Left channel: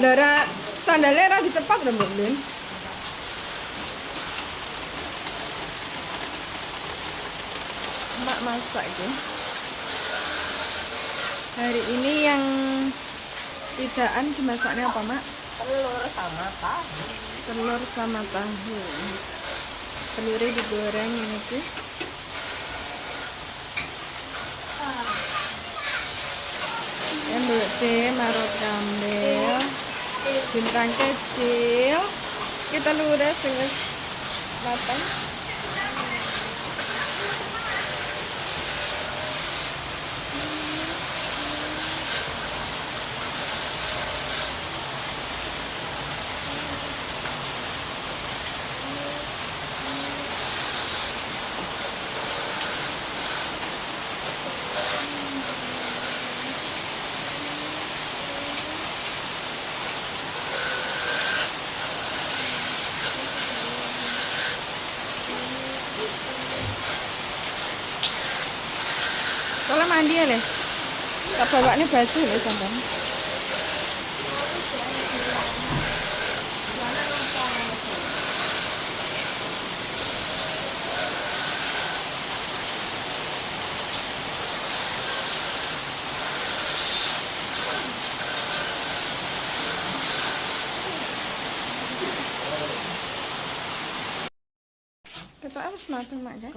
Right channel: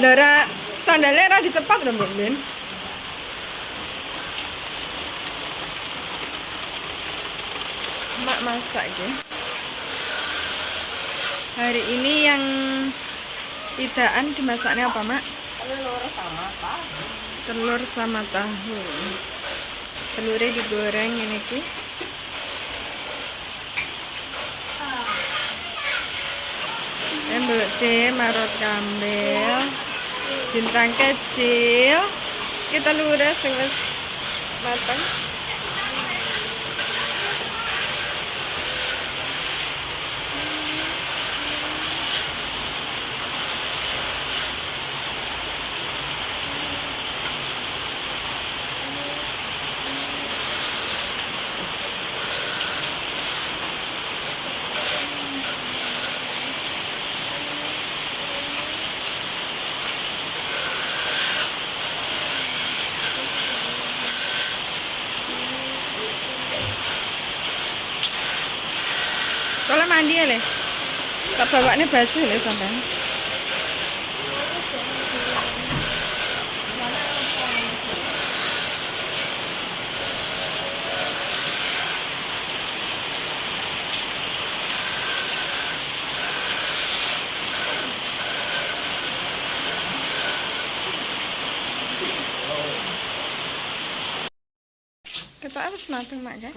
Lara sandalnya ra dicepat lho Mbak Ben. Mak masak ya. Hari ini yang idaan dimasaknya apa, Mak? Telur sama tahu. Telur sama tahu. Telurnya digoreng ini ki. Mbak teh marot kambel, bintang kecil. Kita lurus wis matang. Kalau mandi ya le, tak bawa nih baju le sampai. Kita harus matang mak kan?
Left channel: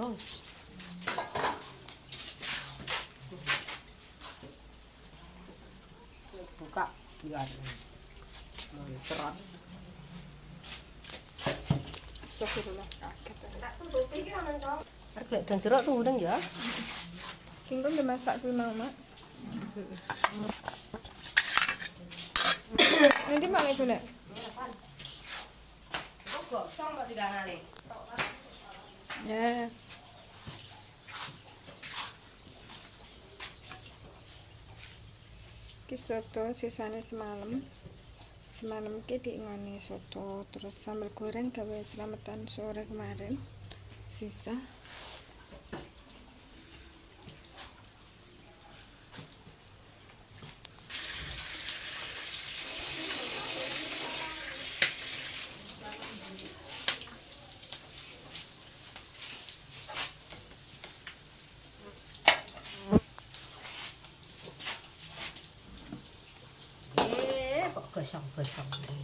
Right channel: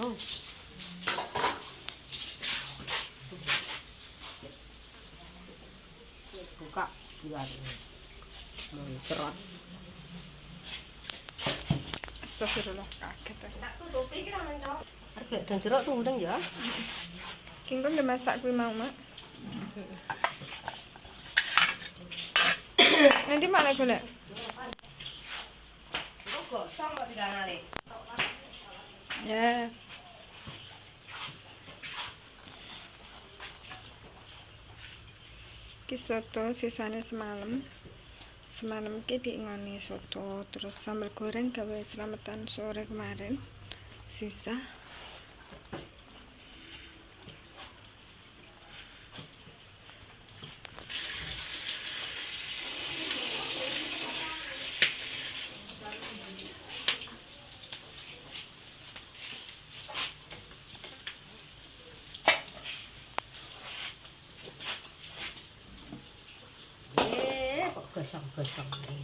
Buka biar cerah. Astagfirullah kaget. Harga dan jeruk tuh udah ya. Kingkong udah masak kuih mau mak. Nanti mak lagi boleh. Ya. Ki soto sisanya semalam. Semalam ki diingoni soto, terus sambal goreng gawe selamatan sore kemarin. Sisa. Gosong-gosong nih.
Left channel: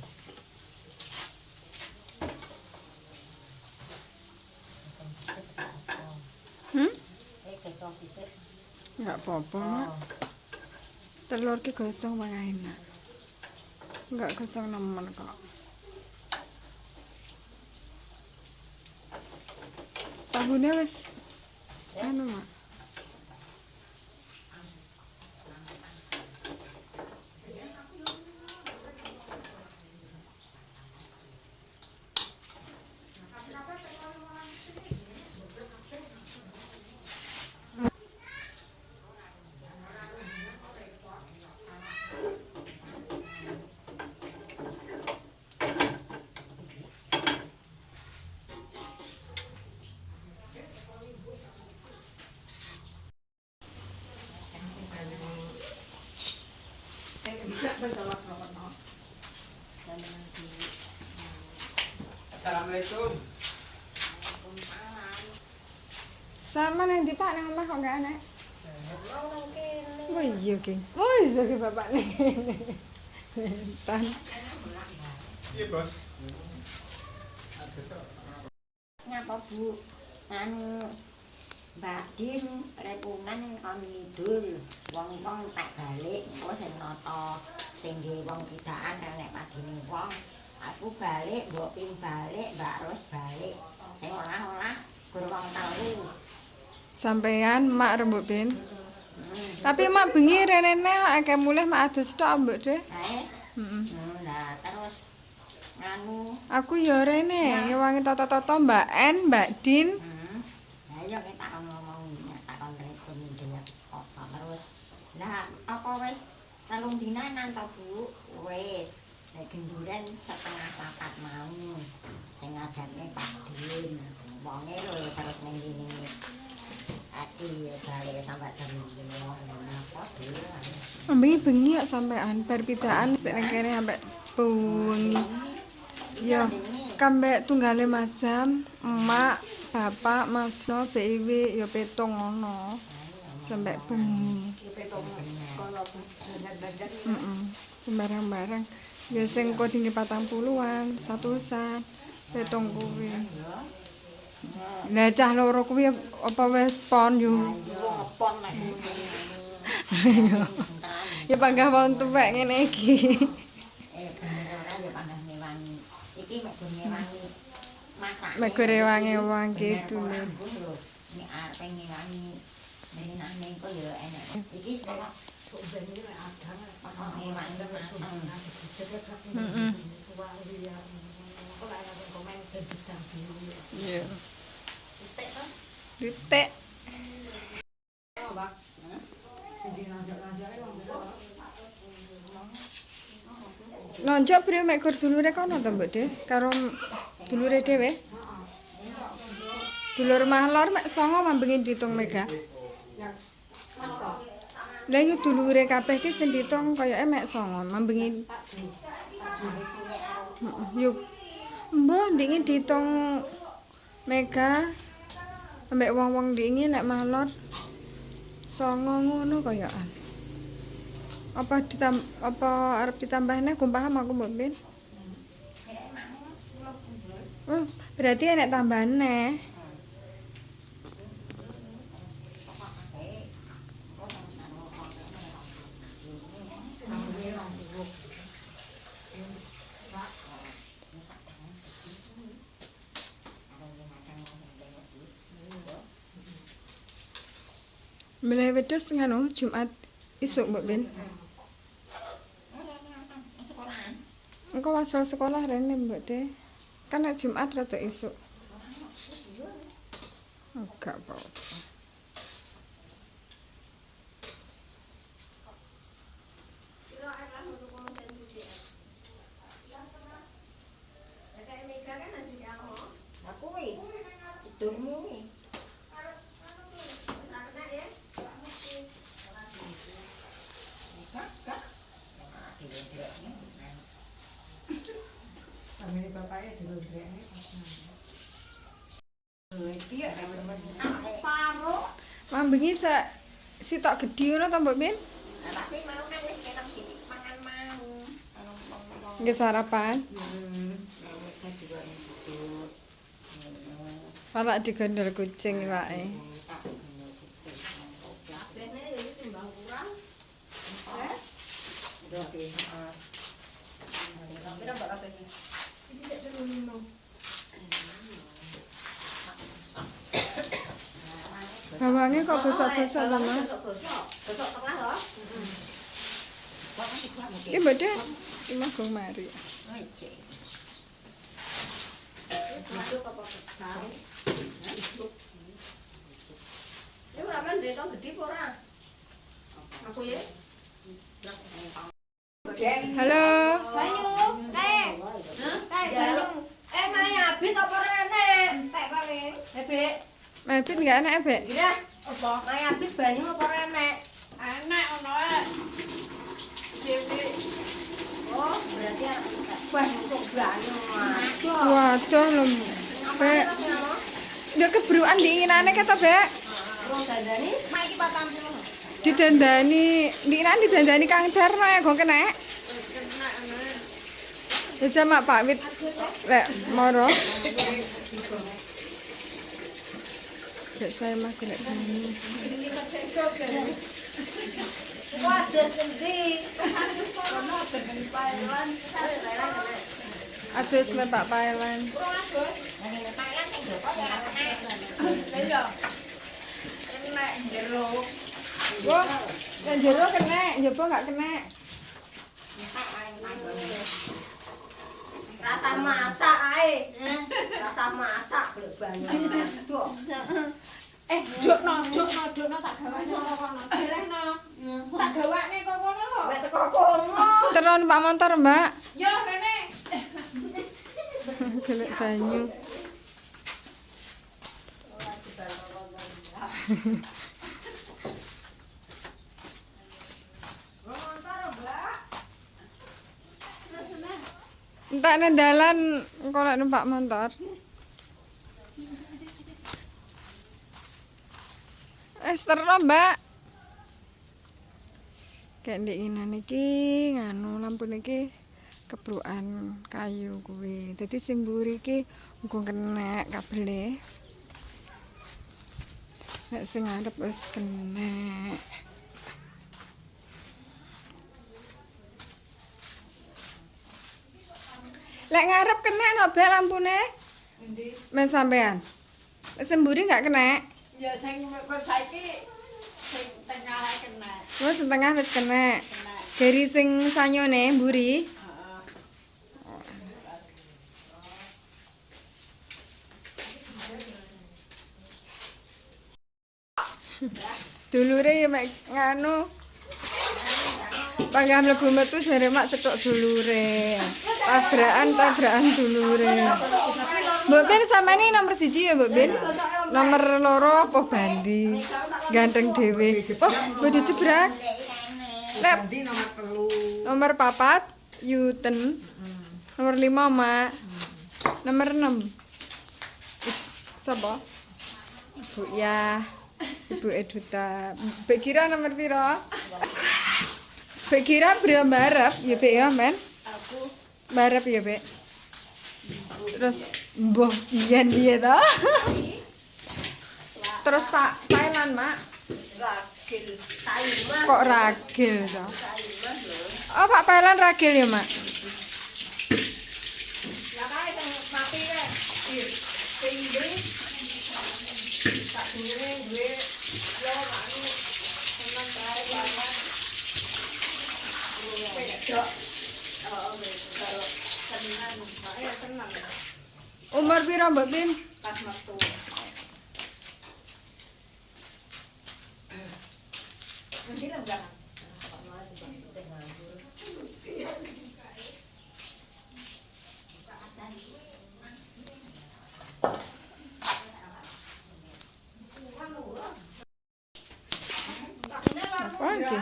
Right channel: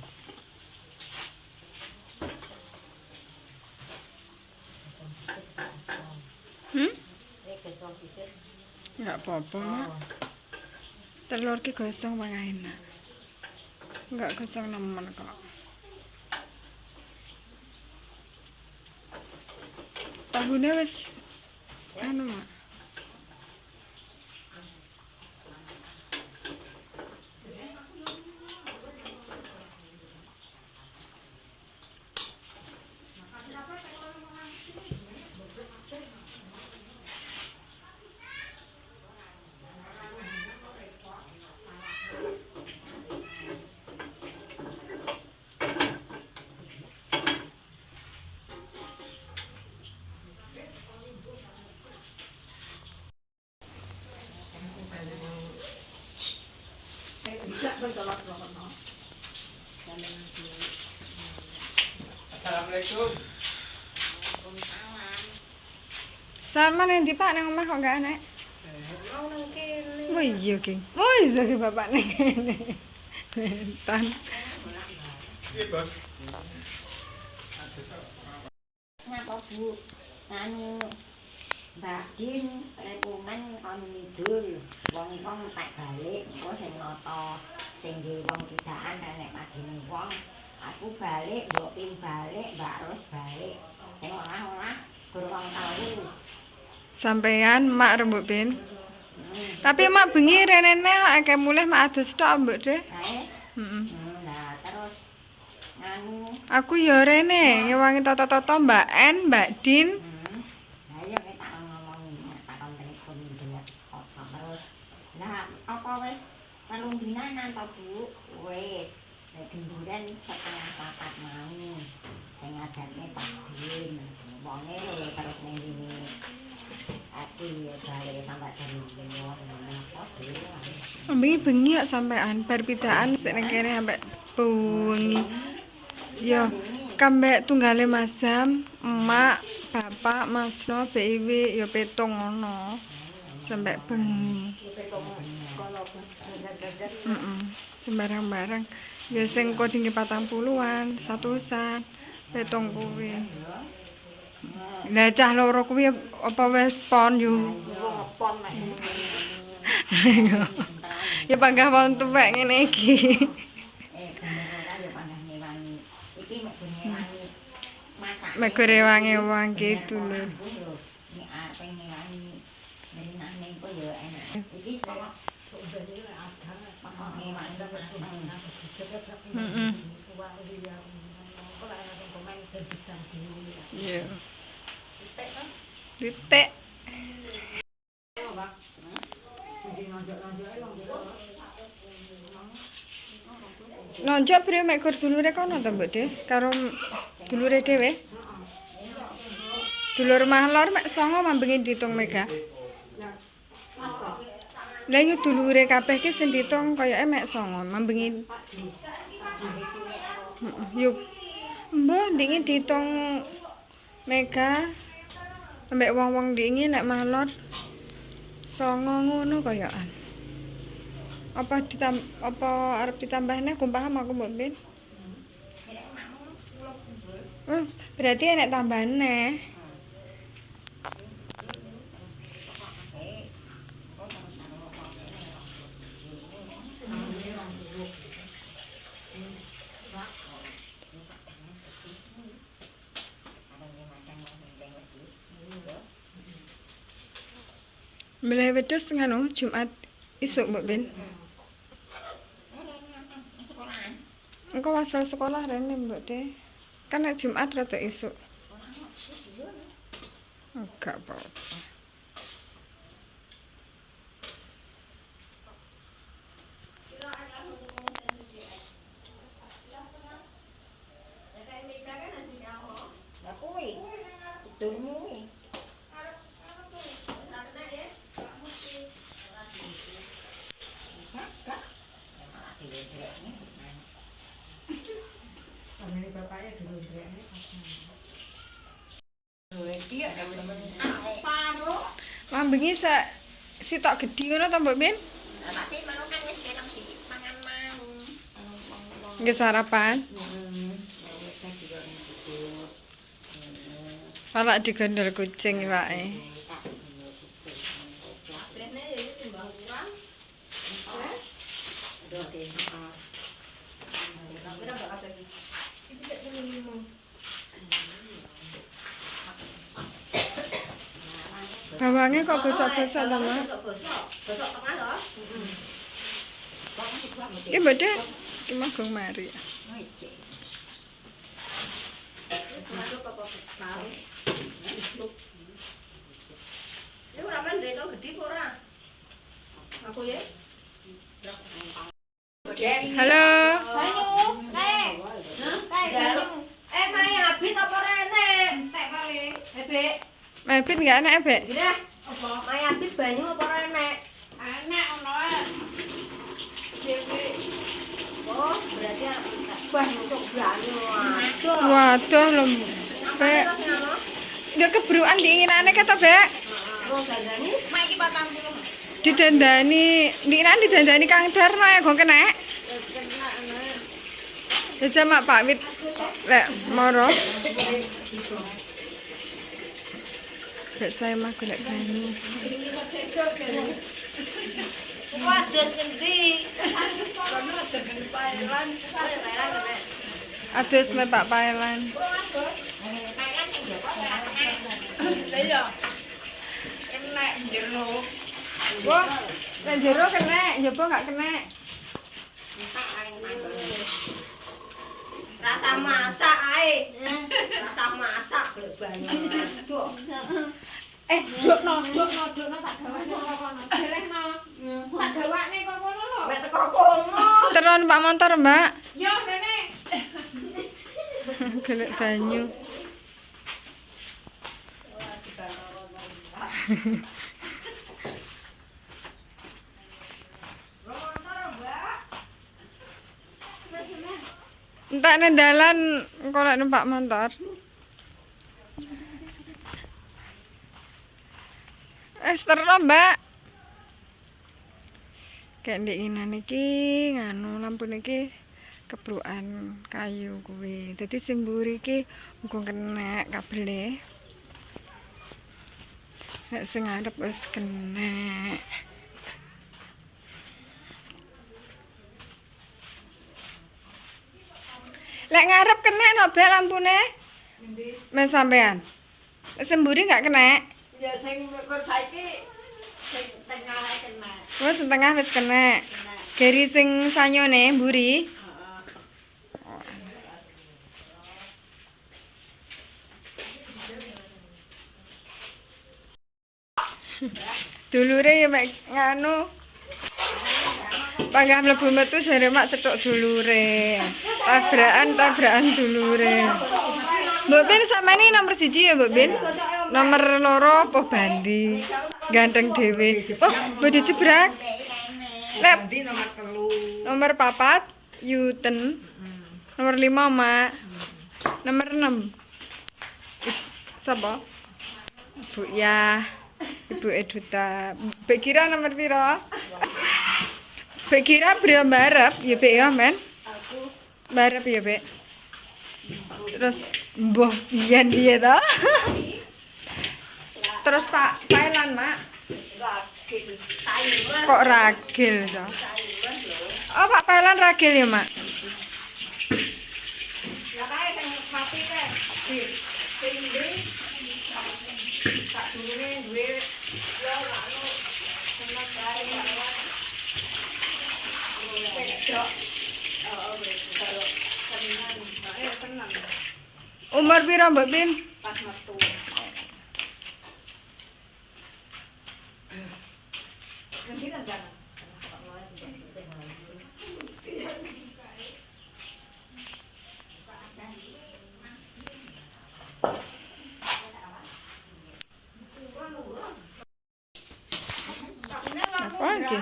Gosong sisir. Enggak apa-apa, Mak. Telur ki gosong malah enak. Enggak gosong nemen kok. Tahunya wis anu, Mak. Assalamualaikum. Sama nanti Pak nang omah kok enggak anak? Oh iya, King. Oh iya ki bapak nang kene. Bentan. Iya, Bos. Nyapa Bu? Anu Mbak Din repungan kon ngidul. Wong-wong tak balik engko sing nata sing nggih wong kidaan nek padine wong. Aku balik, Mbok Pin balik, Mbak Ros balik. Sing olah-olah gur wong telu. Sampean mak rembuk bin. Tapi mak bengi renene akeh mulih mak adus tok mbok deh. Heeh. Nah, terus nganu Aku ya rene ngewangi toto-toto Mbak En, Mbak Din. Nah iya kita kan ngomong takon telepon ndelok apa terus. Lah apa wis 3 dinanan to Bu? Wis. Nek genduran setengah 4 mau. Sing ngajarne Pak Din. Wonge lho terus ning ngene. Aku ya balik sampai jam 5. Bengi kok sampean bar pidaan sik nang kene sampe bengi. Yo, kambek tunggale Masam, emak, bapak, Masno, BIW yo petong ngono. Sampai bengi. Sembarang-barang. Ya sing kodinge 40-an, 100-an, petong kuwi. Lah cah loro kuwi apa wis pon yo. Ya panggah wong tuwek ngene iki. Mek rewangi-wangi gitu lho. Iya. Titik. Nonjok brio mek kur dulure kono to Mbok De karo dulure dhewe. Dulur mahlor mek 9 mambengi ditung mega. Lah yo dulure kabeh ki sing ditung koyoke mek 9 mambengi. Yo mbah ndingi ditung mega ambek wong-wong ndingi nek mahlor 9 ngono koyokan. Apa arep ditambahne kumpaham aku Mbok Ben? Berarti enek tambahane. Mulai wedhus ngono Jumat isuk Mbok Ben. Engko wasal sekolah rene Mbok De. Kan nek Jumat rada isuk. Enggak apa-apa. Mambengi sitok gedhi ngono to Mbok Ben? Nggih sarapan. Palak digondol kucing wae. Bawange kok bosok-bosok to, Mak? Iki Mbok De, iki manggung mari. Halo. Mebit enggak enak, Bek? Iya, apa? Mayabit banyu apa enek? Enak ono ae. Dewe. Oh, berarti banyu untuk banyu. Waduh lho, Bek. Ndek kebruan diinginane kata, Bek. Wong dandani Mak iki 40. Didandani, ndiknan didandani Kang Darno ya gong kenek. Kena ono. Jajal Mak Pak Wit lek moro. Bek saya mah golek banyu. wadah ngendi? Adus me Pak Pailan. Iya. Enak jero. Wah, nek jero kena, njaba enggak kena. Rasa masak ae. Rasa masak golek banyu. Dukno tak gawakne kono. Jelehno. Tak gawakne kok kono lho. Wis teko kono. Teron Pak motor, Mbak. Yo rene. Golek banyu. Entak nang dalan engko lek numpak motor. Terus Mbak. Kayak ndek inan iki nganu lampu niki kebrukan kayu kuwi. Dadi sing mburi iki muga kena kabele. Nek sing ngarep wis kena. Lek ngarep kena no bel lampune? Mes sampean. Sing mburi gak kena? Ya sing kur saiki sing tengah ae kena. Oh, setengah wis kena. Geri sing sanyone mburi. Dulure ya mek nganu. Panggah mlebu metu jare mak cetok dulure. Tabrakan dulure. Mbok Ben sampeyan nomor 1 ya, Mbok Ben? Nomor 2 apa bandi? Ganteng dhewe. Oh, mbok dijebrak. Lep. Nomor 4 Yuten. Nomor 5 Mak. Nomor 6. Sapa? Ibu ya. Ibu Eduta. Mbak kira nomor piro? Mbak kira beliau barep, ya Mbak ya, men? Barep ya, Mbak. Terus mbah pian dia ta? Terus Pak Pailan, Mak. Kok ragil to? Oh, Pak Pailan ragil ya, Mak? Lah kae sing mati kae. Sing ndri sak durune duwe yo anu seneng kae banget. Wedok. Oh, wedok. Tenan, bae tenan. Umur piro, Mbak Bin? Pas metu. Nanti enggak. Apa iki?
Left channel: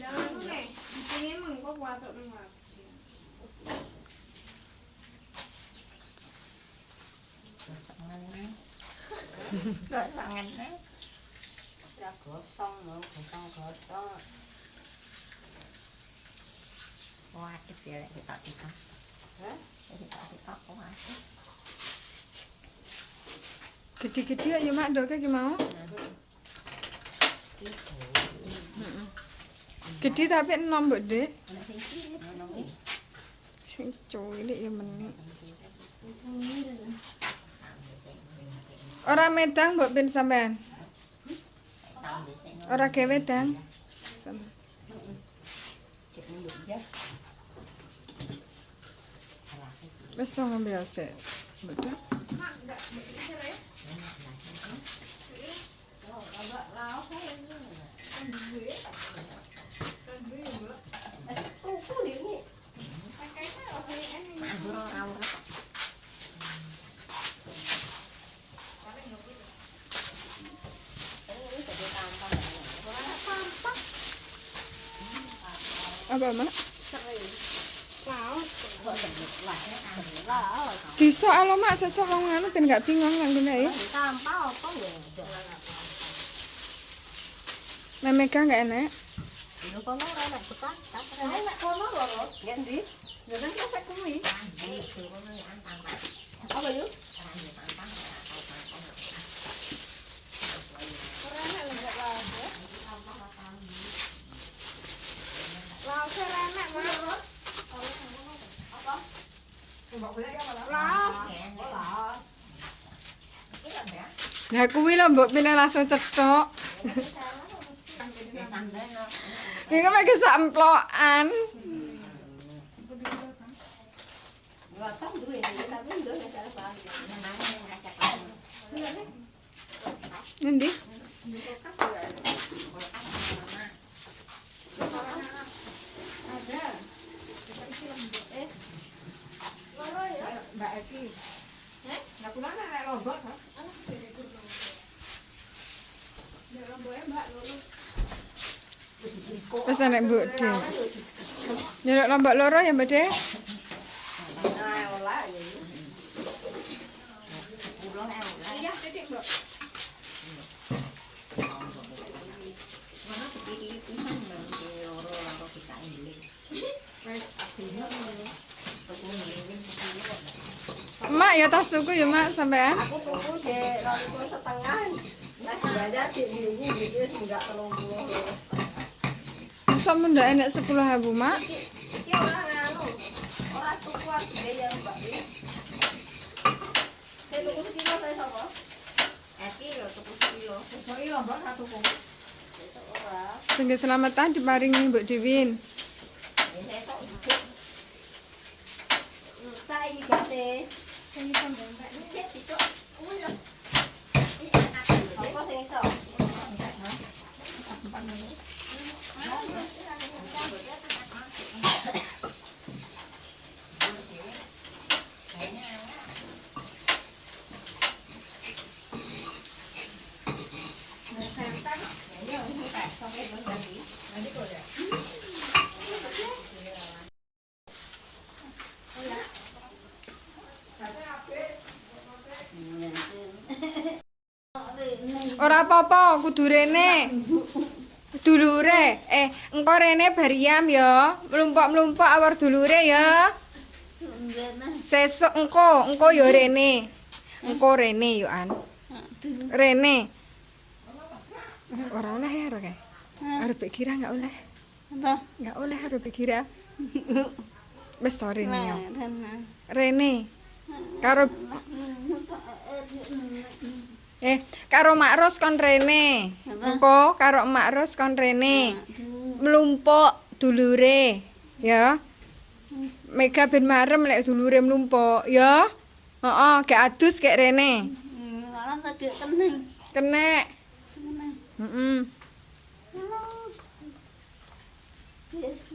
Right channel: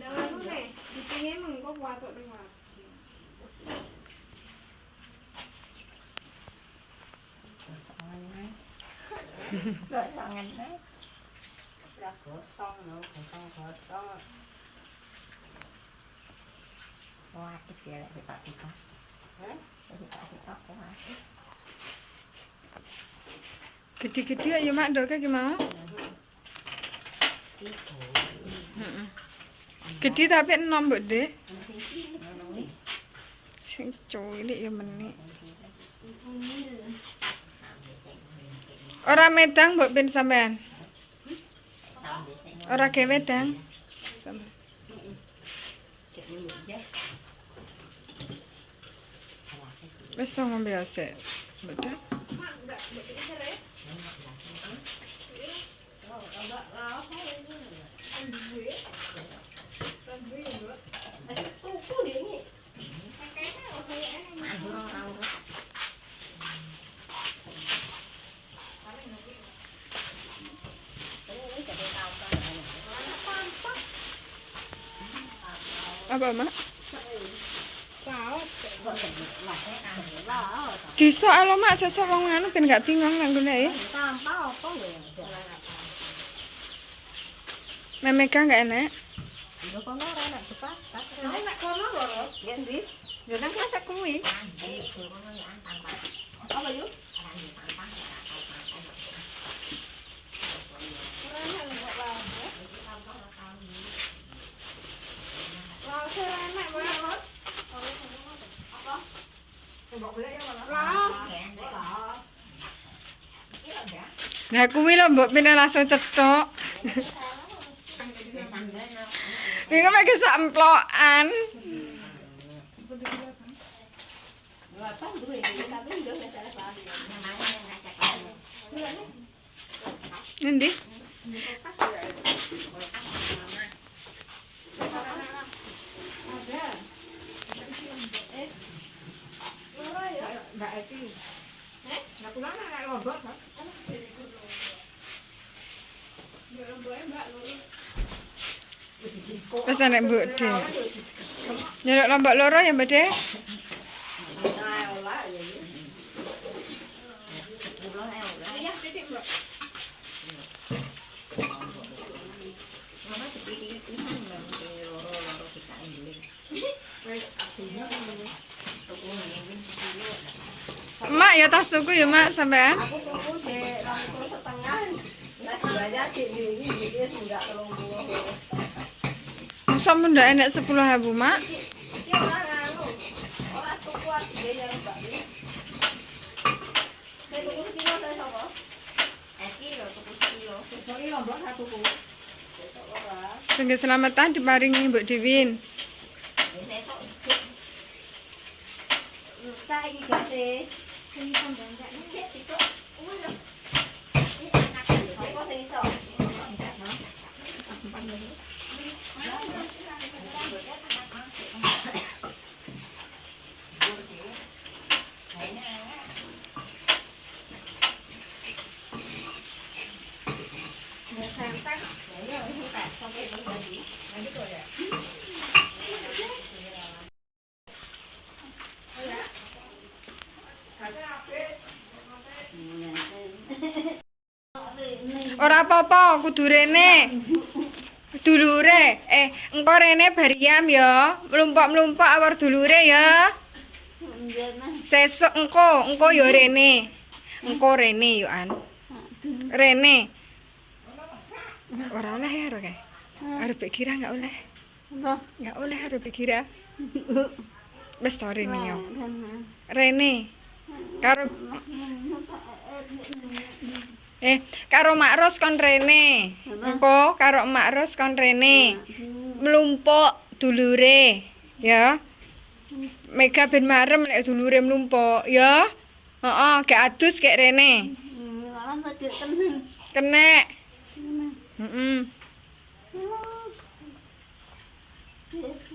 Lah anu nek dipengin mengko watuk ning wajib. Gosangan nih. Ora gosong lho, gosong-gosong. Waduh ya lek kita. Hah? Kita waduh. Gede-gede ya Mak ndoke ki mau. Gede tapi enom Mbok De. Sing cilik ya menik. Ora medang Mbok Ben sampean. Ora ge wedang. Sampean. Wis ngombe asik. Betul. Mak enggak begini serius. Apa Mak? Disok alo Mak sesuk wong anu ben gak bingung nang golek. Sampah apa ya? Memega gak enak. Lho kono ora enak bekas. Nek kono lho. Ya ndi? Ya nang kene kuwi. Apa yuk? Ora enak enggak lawas. Lawas ora enak, Mbak. Apa? Mbok golek ya malah. Lawas. Nah kuwi lho mbok pindah langsung cetok. Iki mek kesamplokan. Endi? Ada. Pesan nek Mbok De. Nyeluk lombok loro ya Mbak De. Nah, olah ya. Iya, titik, Mbak. Mak ya tas tuku ya Mak sampean. Aku tuku dek 2,5. Lah dibayar di ini wis enggak 30. Masa ndak enek 10.000 Mak? Iki ora nganu. Ora tuku ade ya Mbak. Saya tuku sekilo saya sapa? Kilo tuku kilo. Besok iki lombok satu kok. Ora. Sing keselamatan diparingi Mbok Diwin. Besok Tak iki gase. Sing sampean tak nek itu ulo. Apa sing iso? Ora apa-apa, kudu rene. Dulure, engko rene bariam ya. Mlumpuk-mlumpuk awar dulure ya. Sesuk engko ya rene. Engko rene yo an. Rene. Ora oleh ya ora kae. Arep kira enggak oleh. Enggak oleh arep kira. Wis to rene yo. Rene. Karo karo Mak Ros kon rene. Engko karo Mak Ros kon rene. Mlumpuk dulure, ya. Mega ben marem lek dulure mlumpuk, ya. Heeh, gek adus gek rene. Malah tadi kena. Kenek. Heeh. Iya.